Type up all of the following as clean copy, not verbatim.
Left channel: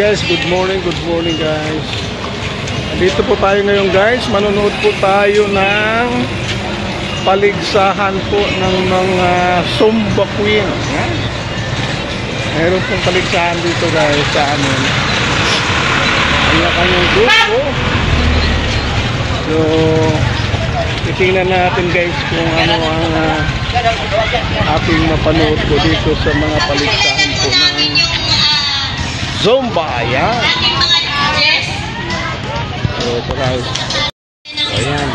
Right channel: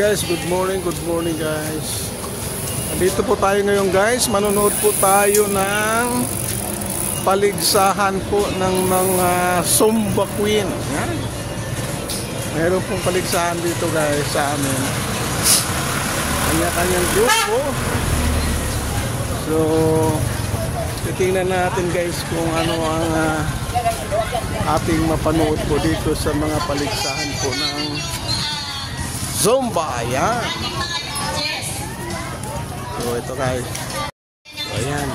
guys, good morning guys. Dito po tayo ngayon guys, manonood po tayo ng paligsahan po ng mga Zumba Queen. Meron pong paligsahan dito guys sa amin. Kanya-kanyang grupo. So, titingnan natin guys kung ano ang ating mapanood po dito sa mga paligsahan po ng Zumba. Ayan. So, ito guys. Ayan.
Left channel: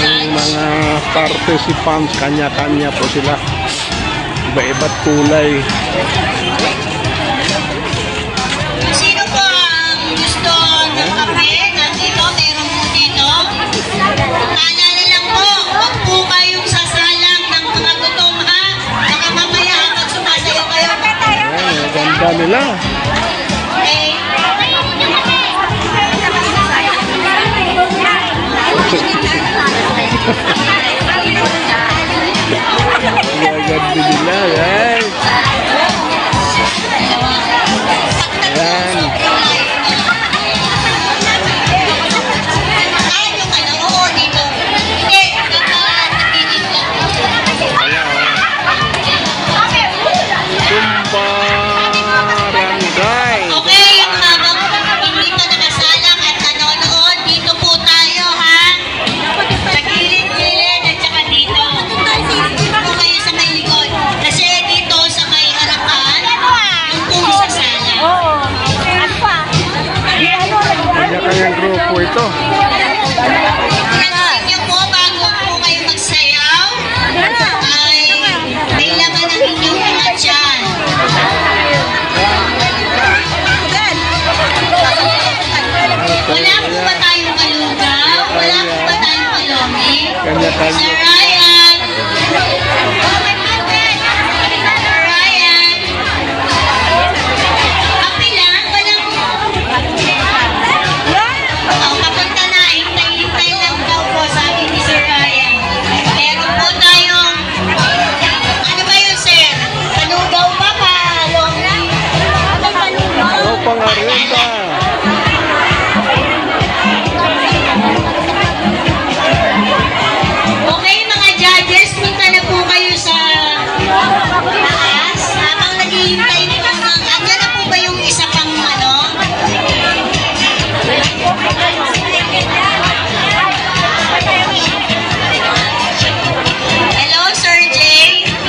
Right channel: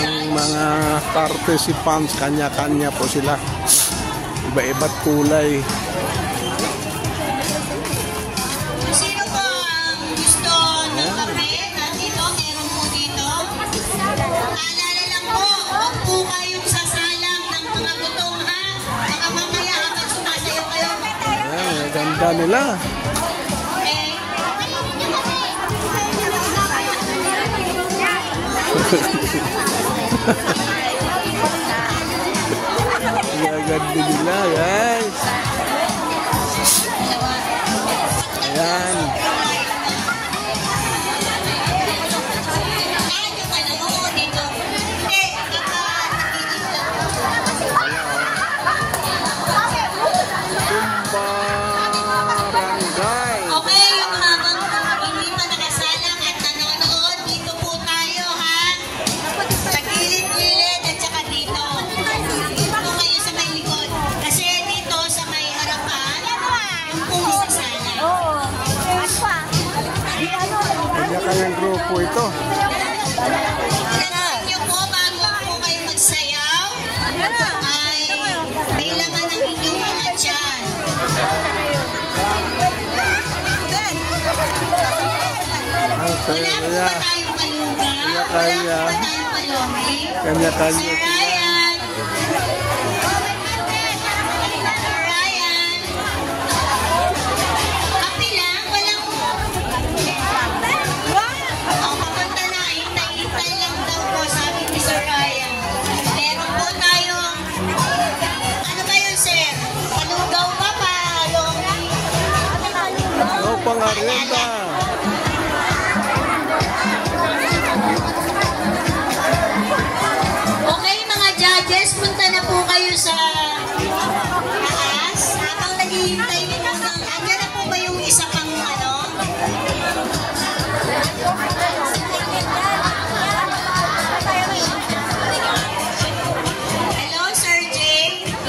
Ang mga participants, kanya-kanya po sila. Iba-iba't kulay. Sino po ang gusto ng kape? Nandito, meron po dito. Naalala lang po, huwag po kayong sasalang ng mga gutom ha. Baka mamaya habang sumasayo kayo. Ayan, ganda nila. Sir Ryan! Ryan! Kape lang? Walang... papunta na. Hintay-hintay lang daw po, sabi ni Sir Ryan. Meron po tayong... Ano ba yun, sir? Panugaw ba pa? Oo, pangarinda. Punta na po kayo sa taas. Habang naghihintay po ng... Andyan na po ba yung isa pang ano? Hello, Sir Jay. Good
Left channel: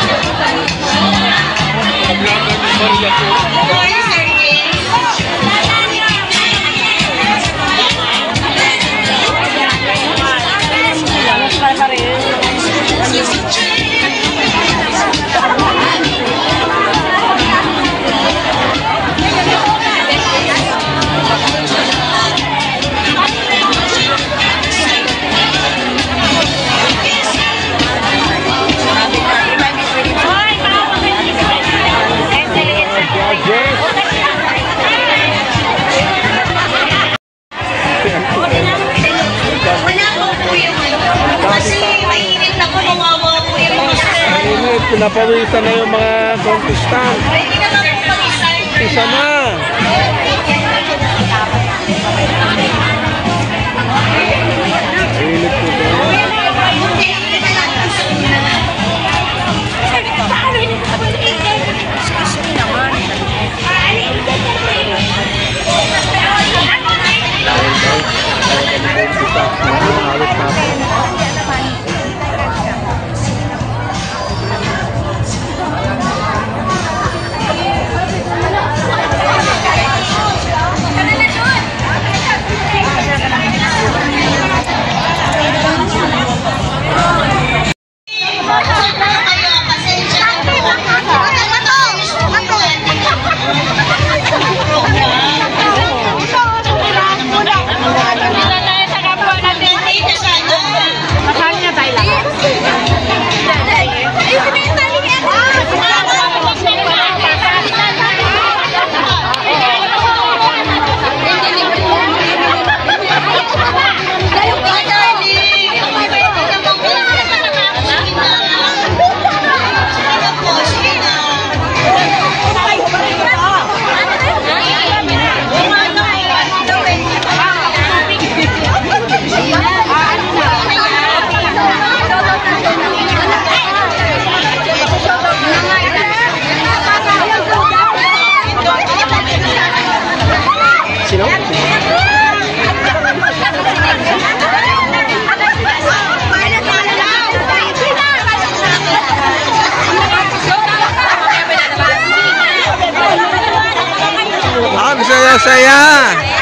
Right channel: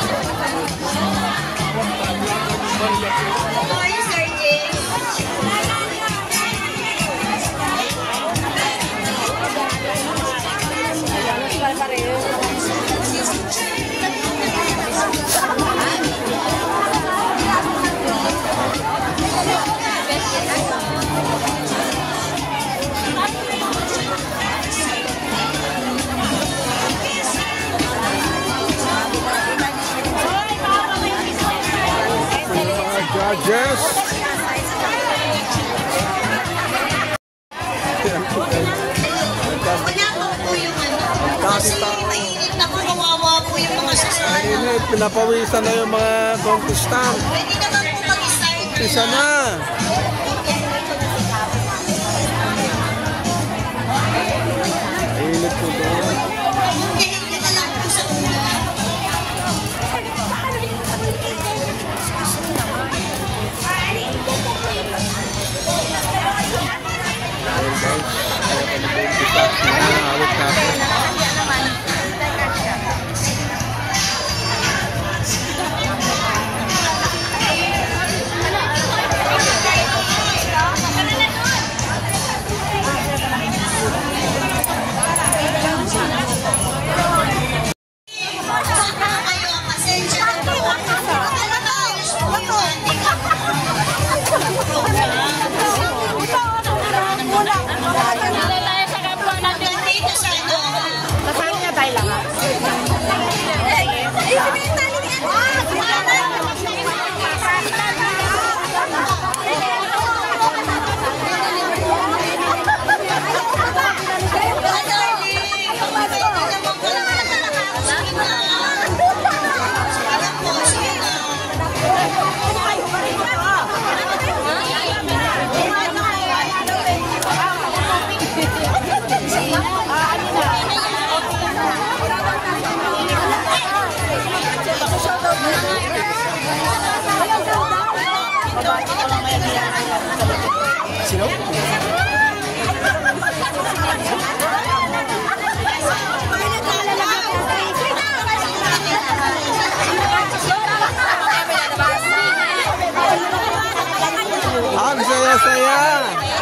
morning, Sir Jay. Napawisan na yung mga contestant. Pwede naman po mag-start. Isa na. saya.